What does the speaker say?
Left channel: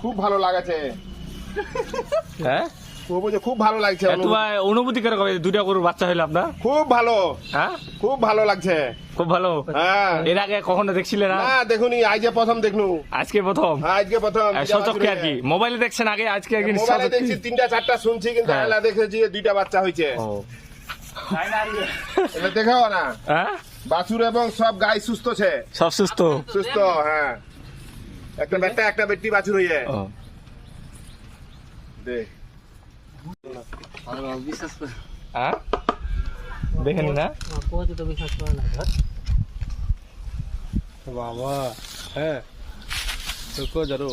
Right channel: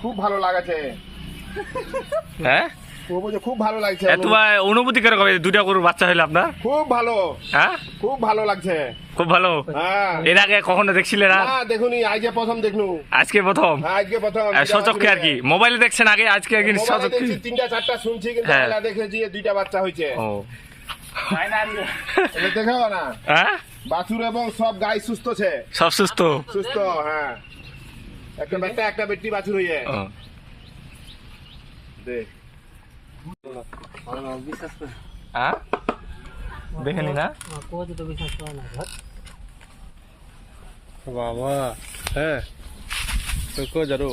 খুব ভালো লাগছে। হ্যাঁ ও বলছে খুব ভালো লাগছে। তোমার অনুভূতি কিরকম দুইটা গরুর বাচ্চা হইলো আপনার? খুব ভালো। হ্যাঁ খুব ভালো লাগছে। খুব ভালো। হ্যাঁ এর আগে কখনো দেখছিলে না? না দেখুনি, আজকে প্রথম দেখনু। আজকে প্রথম? হ্যাঁ আজকে প্রথম। সচক্ষে আর কি, মোবাইলে দেখছেন আগে, আজকে একদিন মোবাইলে দেখছি তিনটা চারটা শুনছি, কিন্তু হ্যাঁ। এলা দেখেছি দুইটা বাচ্চা হয়েছে। ও এটা দেখাও না, হ্যাঁ বাছুর এবং সব গাই সুস্থ আছে। সব সুস্থ? সুস্থ, হ্যাঁ। একটা বেটা একটা বেটি বাছুর হইছে। ও, দেখ বিশ্বাস করে হ্যাঁ দেখেনি না? কোথাও তো বিশ্বাস করে না ধর বাবা। হ্যাঁ তো কো জারো